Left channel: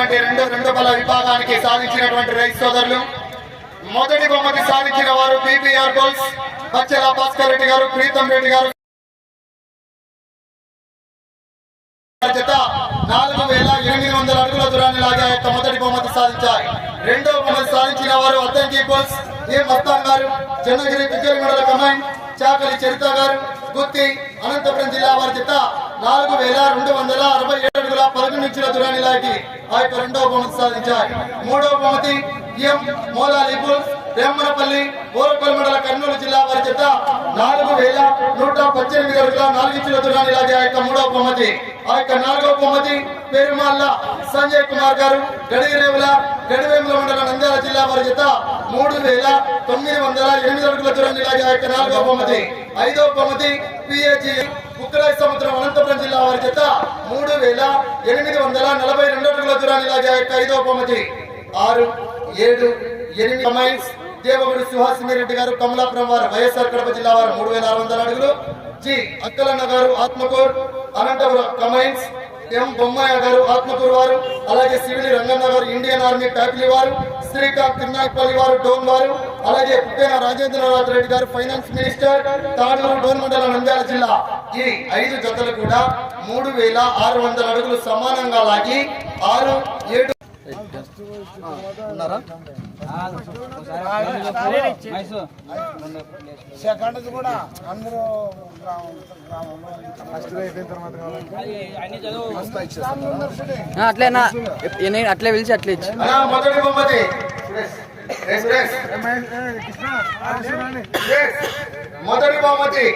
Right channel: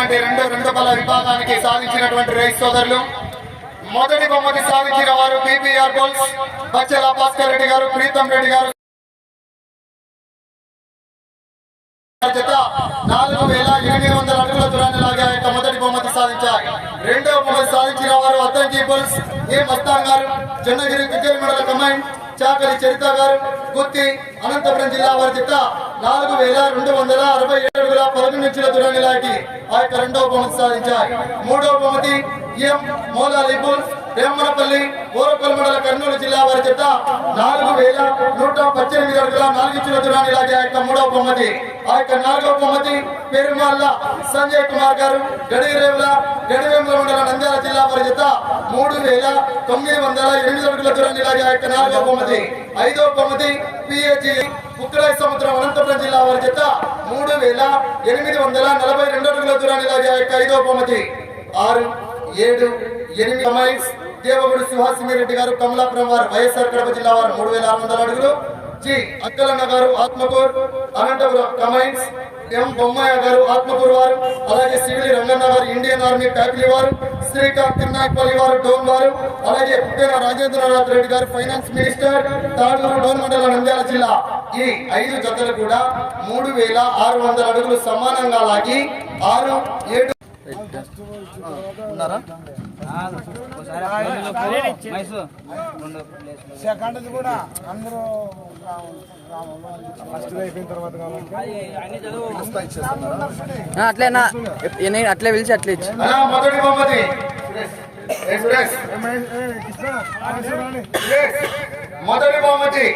సాధించినటువంటి రెండు రెండు బల విభాగానికి సాధించినటువంటి రైస్ సోదరులు. మొదటి బహుమతి సాధించిన వారు బీపీఆర్ గోల్స్ బచ్చల భాస్కర్ రెడ్డి గారు ప్రీతం రెడ్డి గారు. జత నాలుగు వేల ఎనిమిది వందల అడుగుల దూరాన్ని లాగా యొక్క మొదటి బహుమతి సాధించారు. రెండో బహుమతి సాధించిన వారు అద్దంకి బుల్స్ ఏ మస్తాన్ గారు చెన్నగిరి తుగ్గలి మండల కమాండ్ చాకలి చరిత గారు గుత్తి అనంతపురం జిల్లా వారి జత నాలుగు వేల రెండు వందల అరవై ఏడు అడుగుల పదకొండు ఇంచుల దూరాన్ని లాగి ఆ యొక్క రెండవ బహుమతి సాధించాయి మూడవ బహుమతి ఎం మోలాలిపుల్ బ్రహ్మణపల్లి ఓరకల్ మండల కర్నూలు జిల్లా వారి చెత్త నాలుగు వేల నూట పద్దెనిమిది అడుగుల నాలుగు ఇంచుల దూరాన్ని లాగే ఆ యొక్క మూడవ బహుమతి. ఆ యొక్క నాలుగవ బహుమతి పెరుమాళ్ళ సంజయ్ కుమార్ గారు గడిగిరేవుల గడివేముల మండల నంద్యాల జిల్లా వారి చెత్త మూడు వేల తొమ్మిది వందల ఎనిమిది అడుగుల దూరాన్ని లాగే ఆ యొక్క నాలుగవ బహుమతి. ఐదవ బహుమతి పిహెచ్ఈ ఉత్తరాయి సముద్రం అనంతపురం జిల్లా వారి జత మూడు వేల ఎనిమిది వందల నలభై రెండు అడుగుల దూరాన్ని లాగే ఐదో యొక్క ఐదవ బహుమతి. ఆరు ఏడు ఎనిమిది మైల్స్. దేవగుడి సుహాసిమిరెడ్డి గారు కమలాపురం వారు వైఎస్ఆర్ కడప జిల్లా వారు మూడు వేల ఆరు వందల అడుగులు. జి అక్కలన్న గారు ఆత్మకూర్. అనంతపురం కమైన్స్. ఎం బొమ్మయ్య గారు ఆత్మకూరు వారు. అలాగే సివిలి రంగన్న గారు ఇండియన్ ఆర్మీ ప్యాపిలి వారు. శ్రీకాంత్ తిరునాయపల్లి వారు డోన్ వారు. అలాగే పుట్టేన రాజేంద్రనాథ్ రెడ్డి గారు ఫైనాన్స్ మినిస్టర్. తాడూరు డోన్ మండలం నంద్యాల జిల్లా. ఈ ఐదు జతలు కూడా మూడు వేల ఆరు వందల అడుగులు సమానంగా లాగి ఆరు ఏడు. ఉన్నారా సెకండ్ కూడా అందరూ ఫస్ట్ అయిపోయిన తర్వాత ఆ, అట్లే పిలిచి అట్లే ఇచ్చి. మొదటి బహుమతి.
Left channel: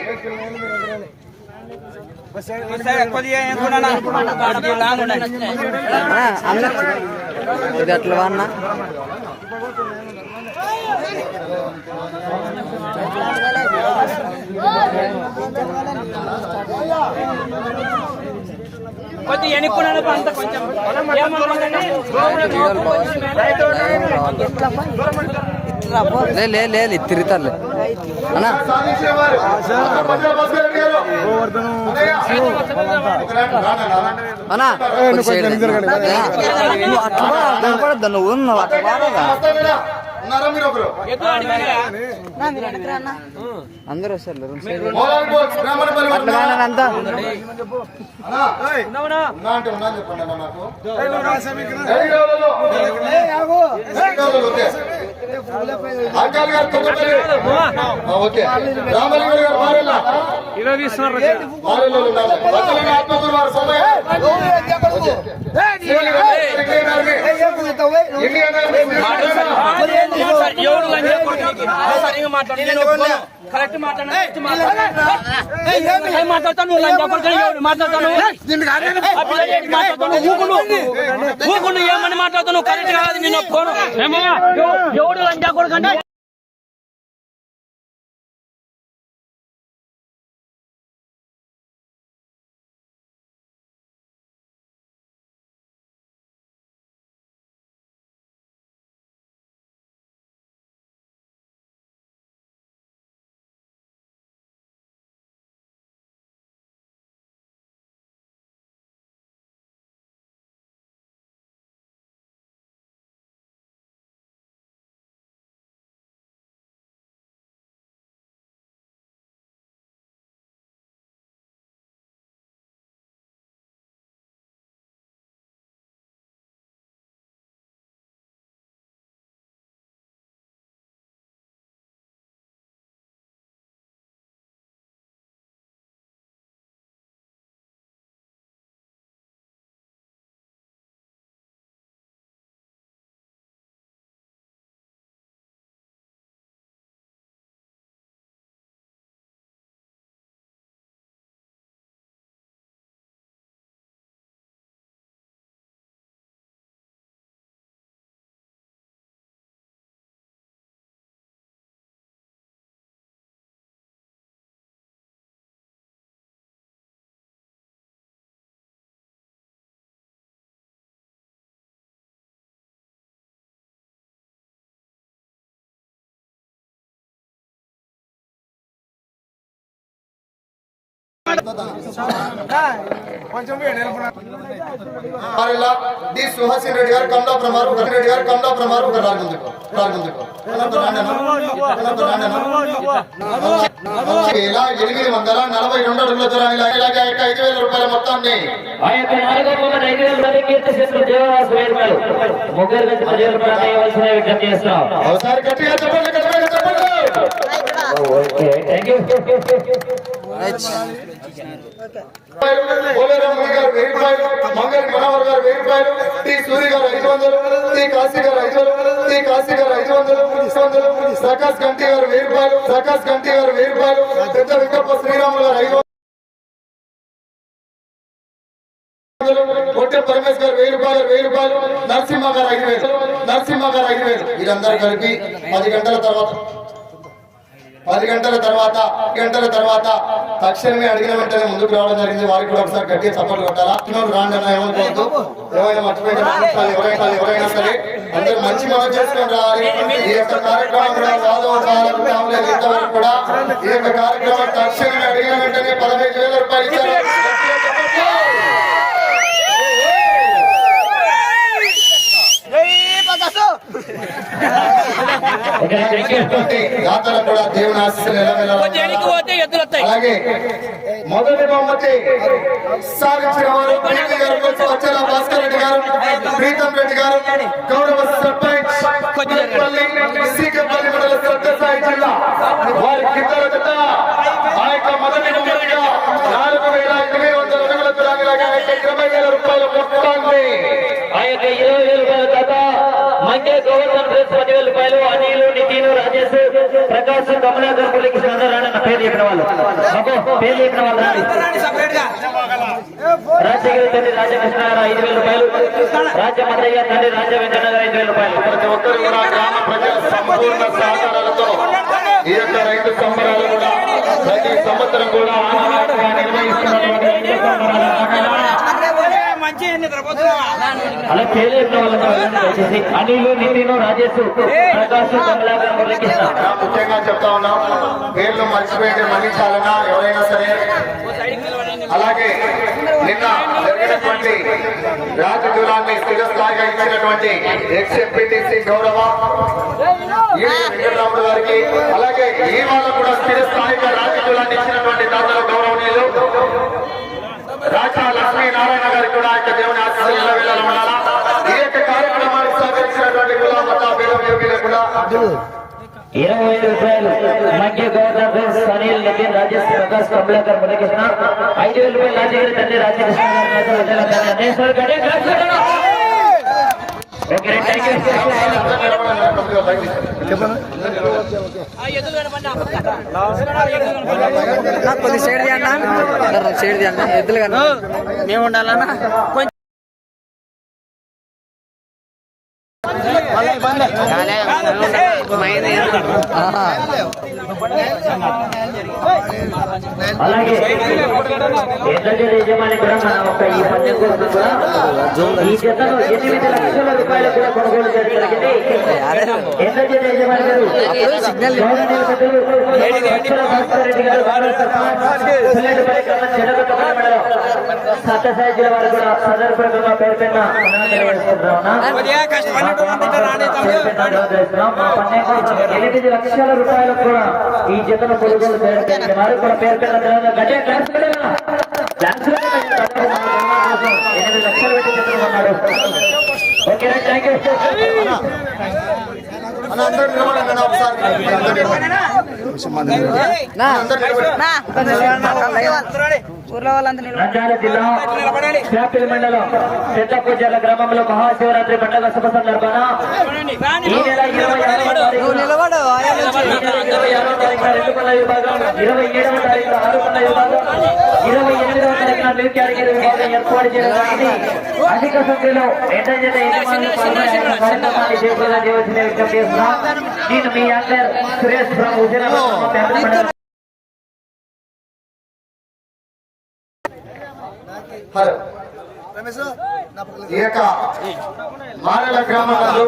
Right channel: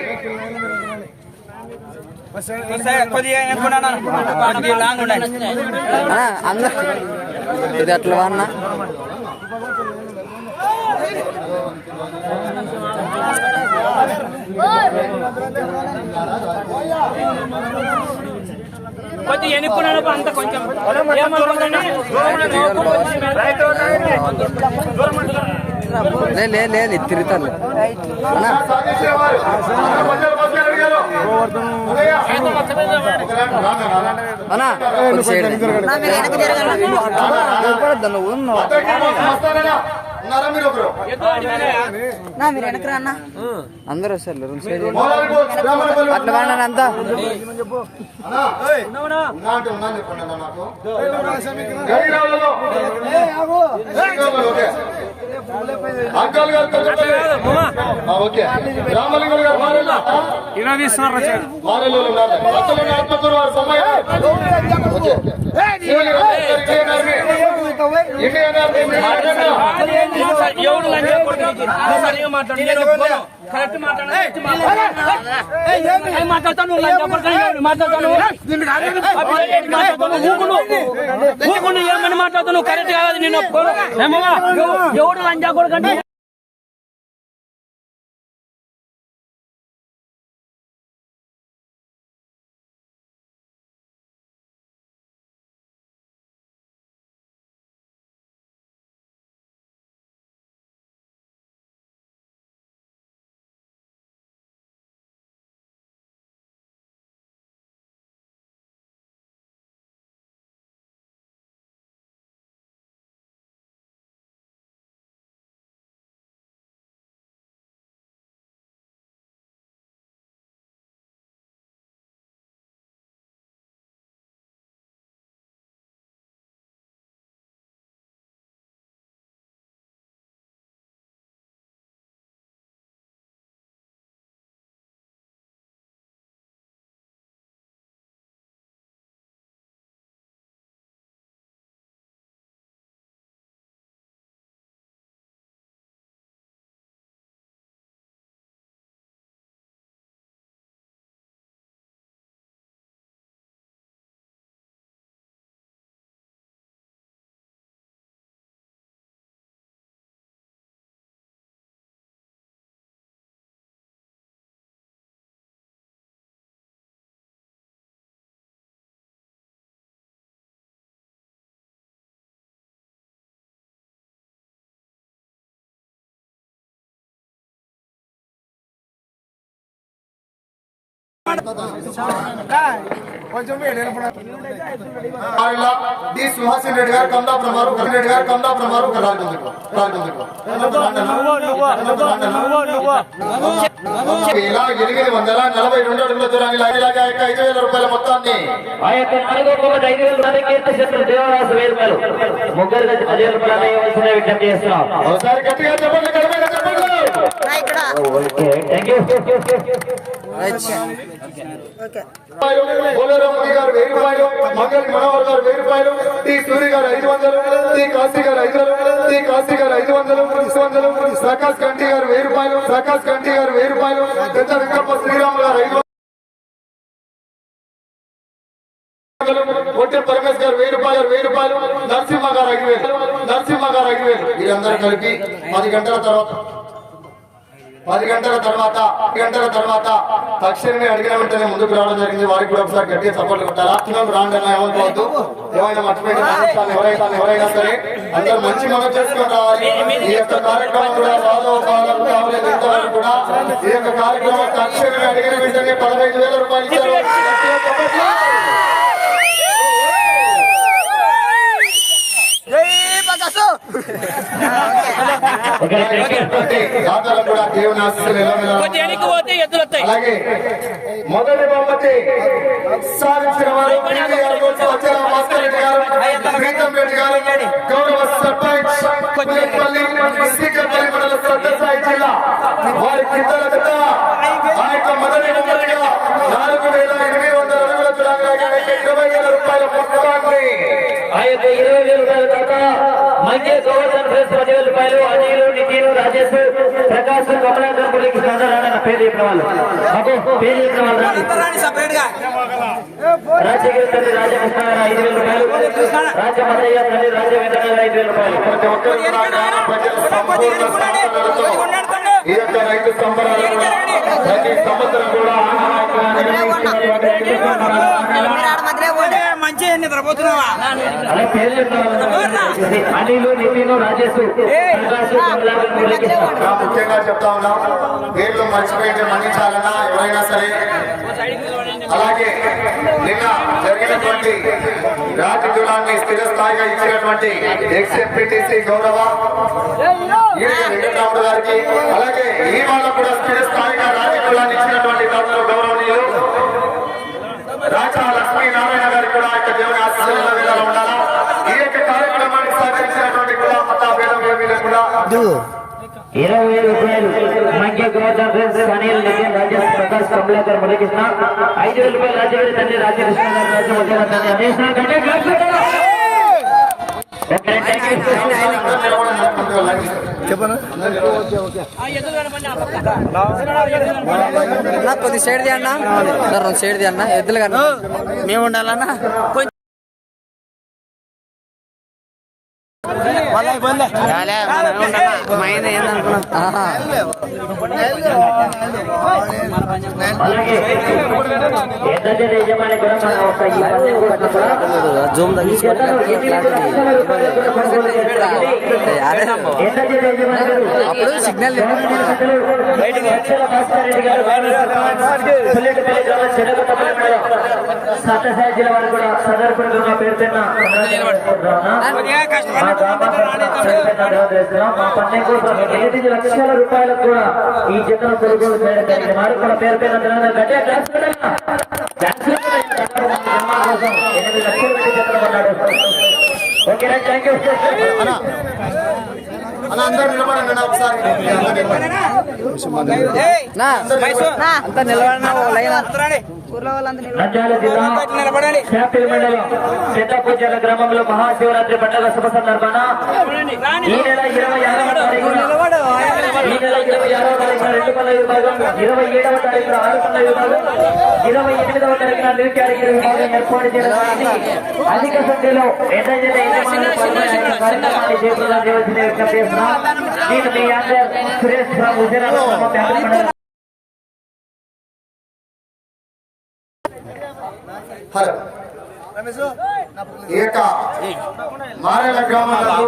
ఇది అట్లా వా అన్న కొద్దిగా ఎనుక్కున్నాడు అంత కొంచెం లే లే లే లే, తిరుగుతారులే అన్నా గారు. అన్నా అట్లా నువ్వు అందరూ వస్తారు అట్లా అంతా ఇండియన్ ఆర్మీ. కొడుకు? సరిగా. కరెక్ట్ మాట్లాడు కరెక్ట్ మాట్లాడు. ఏం మాట్లాడతావు ఊకుండు ఊకుండు ఏమని మాట్లాడతావు నువ్వు కరెక్ట్ కాదు నేను ఎవడు లంచం అంటే కొంచెం వేడి వారిలా డి సుహాసిన్ రెడ్డి గారు కమలాపురం వారు రెడ్డి గారు కమలాపురం వారు కూడా రాలి ముందుకు రాలి ముందుకు ఇలా ఎనిమిది వందల నలభై రెండు అడుగుల దూరం ఇలా ఇలాగ యొక్క ఐదు వేల రూపాయల మొత్తాన్ని ఆ యొక్క నాలుగో బహుమతి ఐదు వేల రూపాయలు కీర్తి చేస్తున్న దేవరాజు వెయ్యి రూపాయలు ముగ్గురు కలిసి పదివేల రూపాయలు వేయవలసిన విజ్ఞప్తి చేస్తున్నాం ఒకసారి గట్టిగా చెప్పండి గట్టిగా చెప్పండి ఓకే థ్యాంక్ యూ రైట్ కంటి గారు వెయ్యి రూపాయలు కంటి గారు వెయ్యి రూపాయలు పెద్ద వెంకప్ప శ్రీరాములు గారు ఐదు పరమేశ్ గారు వెయ్యి రూపాయలు వెయ్యి రూపాయలు నరసింహ గారు ఐదు వేలు. నరసింహ గారు ఐదు వేలు. వీరందరూ కలిపి పది గంటల తర్వాత పది గంటల తర్వాత గంటల తర్వాత తక్షణమే అడిగిన వెంటనే ముందుకు రావడం జరిగింది. వారికి కూడా ఒకసారి గట్టిగా సపోర్ట్ కొట్టాలా? పిల్లలు రాండి అన్న ఏమనుకోవద్దు. ఎవరైనా మర్చిపోయిన ఎవరైనా ఎవరైనా సరే అందరూ మంచి మనం చేసుకొని రావాలి. ఈ యొక్క కార్యక్రమం కూడా కూడా ఈ యొక్క కార్యక్రమం తక్షణమే అడిగిన వెంటనే పదహైదు వేల రూపాయలు ఇచ్చారు కూడా దేవుని ఆశీస్సులు పోతే ఎద్దులు వస్తాయి. అలాగే మొదటి బహుమతి సాధించిన వారు గారు వచ్చేలా భాస్కర్ రెడ్డి గారు ప్రీతం రెడ్డి గారు గౌరవ సర్పంచ్ కొద్దిపల్లి సీకపల్లి మండల సత్యసాయి జిల్లా వారి కింద ఆ యొక్క మొదటి నాలుగు పేరు చెప్పిన వాళ్ళు రాండి రాజశేఖర్ తండ్రి ఐదు వేల రూపాయలు తండ్రి రాజ వెంకట గారు ఐదు వేల రూపాయలు ప్రతి ఒక్కరు కూడా గ్రామ ప్రజల సంపూర్ణ సహకారాలతో ఈ యొక్క రైతు సంబరాలు కూడా ప్రతి సంవత్సరం కూడా అలా పేరు చెప్పిన అనిలు నితిన్ రాజేష్ ముఖ్యంగా చెప్తా ఉన్నా పేర్లు మర్చిపోయింది మన్నించాలన్నా ఎవరైనా సరే అలాగే నిన్న జరిగినటువంటి రాజకీయాన్ని స్థిరస్థాయిగా ఇచ్చినటువంటి ఎక్స్ గౌరవ వెంకటరాముడు గారికి అలాగే ఈ వాళ్ళు కూడా స్థిరస్థాయిగా రాజకీయాన్ని ఇచ్చినటువంటి దాతల గౌరవనీయులు. రాజా లక్ష్మీనారాయణ గారికి కూడా ఆ యొక్క దేవుని ఆశీస్సులు ఎల్లవేళలా ఈ యొక్క కార్యక్రమానికి సహకరించినటువంటి కూడా మొత్తం పేద కూడా మధ్య నితిన్ రాజేష్ కమలాకర్ మురళీకృష్ణ ఐదు వేల రూపాయలు రాజగిరి తండ్రి రాజకృష్ణ కొద్ది సైడ్ తీయన్నా రెండు సైడ్ తీయన్నా ఎద్దులు కన్నా మేము ఉండాలన్నా కొంచెం అలాగే ఎంత యజమాని కూడా మన ఒక ఈ పన్నెం కోసం కూడా ఈ జతను ఎనిమిది లక్షల రూపాయలు కూడా కొనుగోలు చేస్తున్నది అరే ఎంత యజమాని? గారు అప్పుడు సిగ్నల్ లేదు. సత్యసాయి వారు కూడా సందర్భంగా పేర్కొన్న మా పన్నె కోసం ఎనిమిది లక్షల రూపాయలకు కూడా ఈ జతను కొనుగోలు చేయడం వారు కూడా పేర్కొన్న గట్టిగా క్లాస్ పెట్టాలా? క్లాస్ పెట్టాలా? కోసం ఎనిమిది లక్షలు పెట్టి జతను కొన్నాడు ఓకే థ్యాంక్ యూ మండలం గ్రామంలో మహాశివరాత్రి పండుగ శుభ సందర్భాన ఈ నెల ఇరవై ఆరవ తారీఖున నిలబడు ఈ నెల ఇరవై ఆరవ తారీఖున రెండు పనుల విభాగం ఇరవై ఏడవ తారీఖున ఆరు పనుల విభాగం ఇరవై ఎనిమిదవ తారీఖున న్యూ కేటగిరీ విభాగం ఏర్పాటు చేయడానికి అధిక సంఖ్యలో ఎంతజన యజమానులు పాల్గొని ఆయన కార్యక్రమాన్ని చేపట్టాలని చేయవలసిన విజ్ఞప్తి చేస్తున్నాం. నేను మీ అందర్ సురేష్ బాబు హుజరాబాద్ గ్రామ ఫ్యామిలీ మండలం హలో. ఈ యొక్క మానల గ్రామాలలో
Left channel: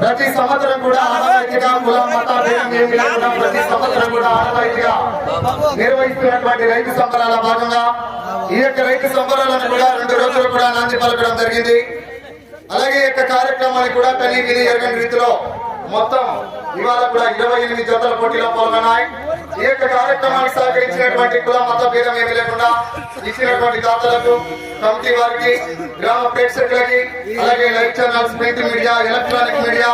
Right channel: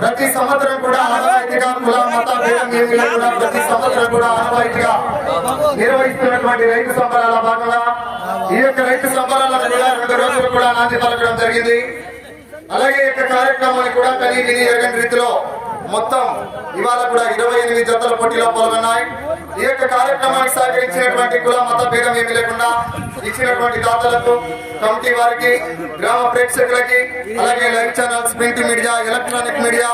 ప్రతి సంవత్సరం కూడా ఆనవాయితీగా కుల మత ప్రతి సంవత్సరం కూడా ఆనవాయితీగా నిర్వహిస్తున్నటువంటి రైతు సంబరాల భాగంగా ఈ యొక్క రైతు సంబరాలను కూడా రెండు రోజులు కూడా నాంది పలకడం జరిగింది. అలాగే ఈ యొక్క కార్యక్రమాన్ని కూడా కనీ విని ఎరగని రీతిలో మొత్తం ఇవాళ కూడా ఇరవై ఎనిమిది జతల పోటీలో పాల్గొన్నాయి. ఈ యొక్క కార్యక్రమానికి సహకరించినటువంటి కుల మత భేదం ఏమి లేకుండా ఇచ్చినటువంటి దాతలకు కమిటీ వారికి గ్రామ ప్రేక్షకులకి అలాగే live channels print media electronic media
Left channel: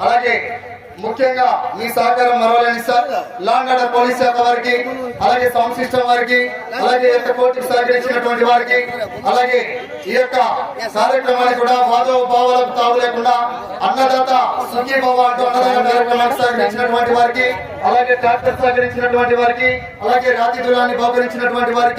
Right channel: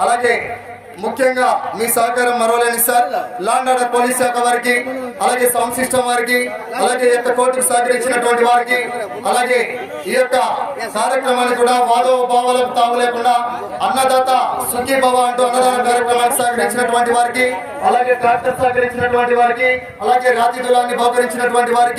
అలాగే ముఖ్యంగా మీ సహకారం మరవలేని సార్. లాండ్ పోలీస్ శాఖ వారికి అలాగే సంశిష్ట వారికి అలాగే యొక్క కోర్టుకు సహకరించినటువంటి వారికి అలాగే ఈ యొక్క కార్యక్రమాన్ని కూడా వాదో భావాలకు తావు లేకుండా అన్నదాత సుఖీ భవ అంటూ అన్నదాన కార్యక్రమానికి సహకరించినటువంటి వారికి అలాగే ట్రాక్టర్ సహకరించినటువంటి వారికి అలాగే రాతి దూరాన్ని బహుకరించినటువంటి వారికి